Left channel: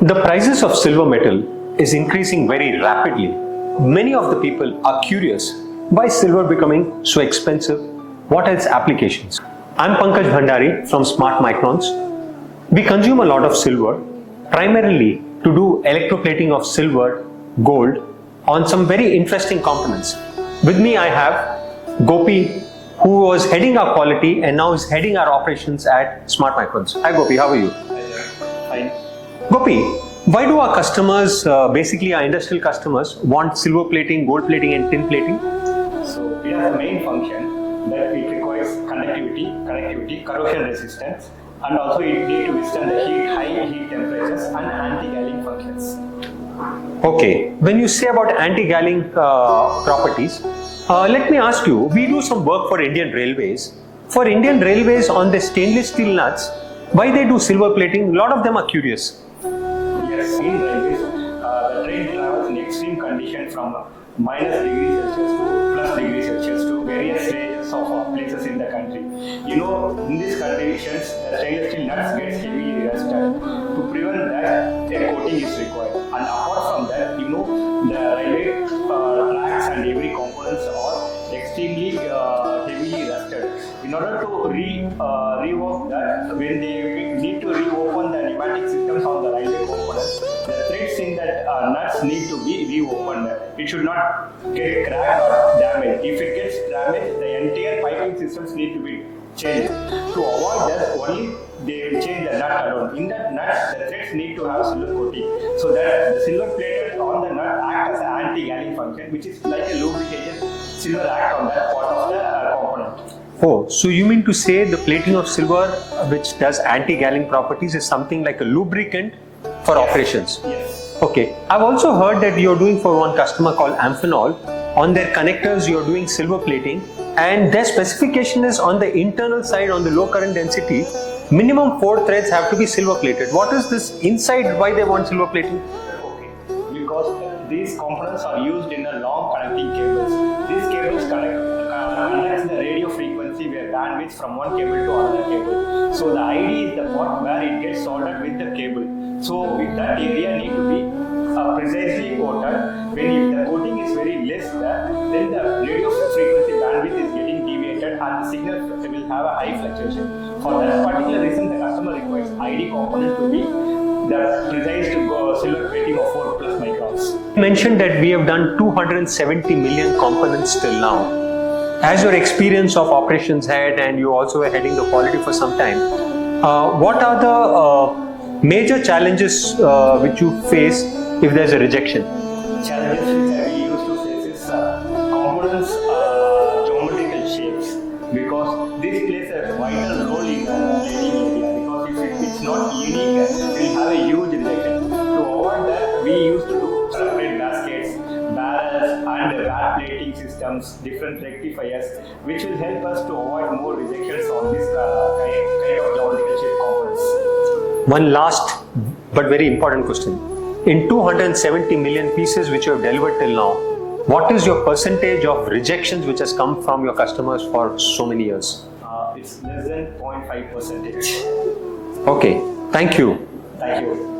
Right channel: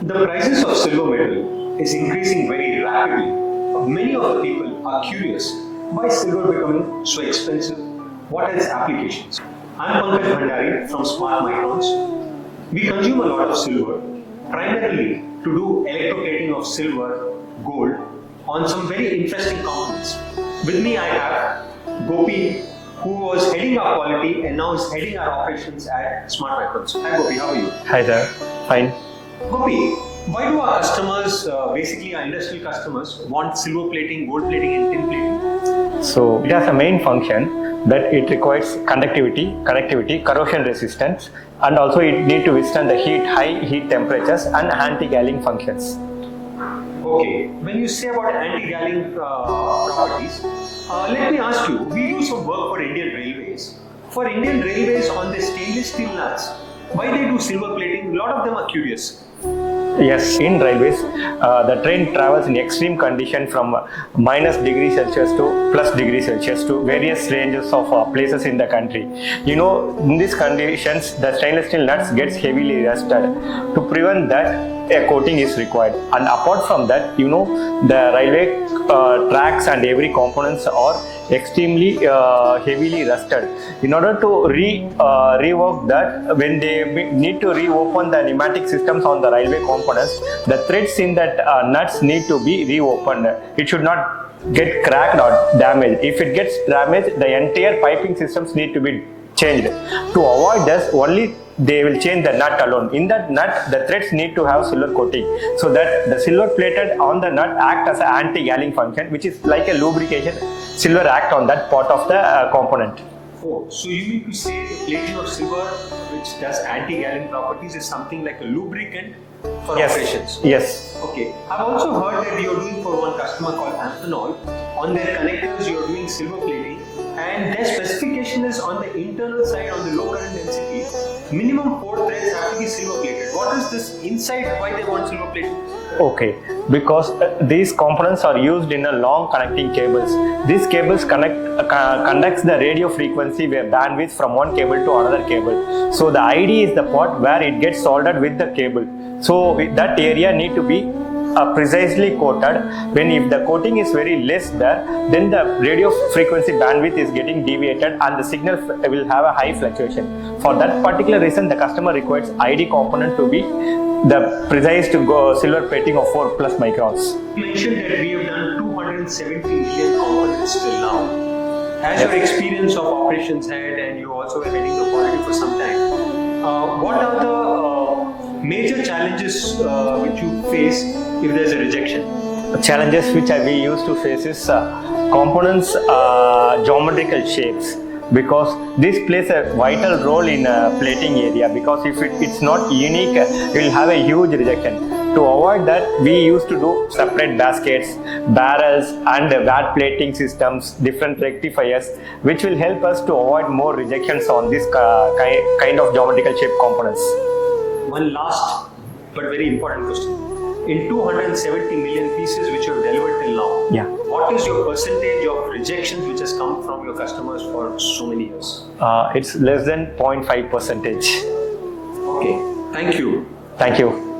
The prices of silver metal is increasing very rapidly. Many of the people are curious why silver becoming so expensive, what are its applications. I'm Pankaj Bhandari from Smart Microns. We consume a lot of silver primarily to do electroplating of silver, gold on some very interesting components. With me I have Gopi, who was heading our quality and now is heading our operations at Smart Microns. Hi Gopi, how are you? Hi there, fine. Gopi, why do our customers, basically our industrial customers, want silver plating, gold plating and tin plating? So it has a main function that it requires conductivity, corrosion resistance, and also it need to withstand the heat, high heat temperatures and anti-galling functions. Okay, when you say about anti-galling properties, let me ask you, we do some work for Indian Railways. For Indian Railways on the stainless steel nuts, why they do silver plating? A lot of them are curious. Yes, in railways, the train travels in extreme condition from -°C to +°C to various ranges of places in the country. You know, in these conditions, the stainless steel nuts gets heavily rusted. To prevent that, a coating is required. And apart from that, you know, the railway tracks and every components are extremely heavily rusted. In order to rework that, when they need to reopen the pneumatic systems on the railway components, the threads in that nuts need to be reopened. It should not get cracked or damaged. If it gets damaged, the entire piping systems need to be changed. To avoid this, only they will change the nut alone. In that nut, the threads need to have silver coating, so that the silver plated on the nut act as an anti-galling function, which is like a lubrication. Silver act on that part of the component. Oh, so you mean to say the plating of silver, which does anti-galling properties, is something like a lubricant for operations? Yes. Okay. I've also heard that you're doing for one customer called Amphenol. On their connectors, you're doing silver plating, and their specification is on the internal side, on the low current density, minimum 4 threads have to be silver plated. What is this inside? Why they want silver plating? Okay, because these components are used in a long connecting cables. These cables conducts the radio frequency where bandwidth from one cable to another cable. So the ID is the part where it gets soldered with the cable. So that area need to be precisely coated. When if the coating is very less there, then the radio frequency bandwidth is getting deviated and the signal will have a high fluctuation. For that particular reason, the customer requires ID component to be the precise to go silver plating of 4+ microns. You mentioned that we have done 270 million components till now. As your experience of operations head, and you also were heading the quality for some time, what are the major challenges which you face if there's a rejection? Challenges which we used to face is components geometrical shapes, because this plays a vital role in plating area, because if it's not unique, it will have a huge rejection. To avoid that, we used to do separate baskets, barrels and bad plating systems, different rectifiers, which will help us to avoid more rejections on this kind of geometrical shape components. One last but very important question. In 270 million pieces which you have delivered till now, what is your percentage of rejections which has come from your customers for so many years? It's less than 0.5%. Okay, thank you. Thank you.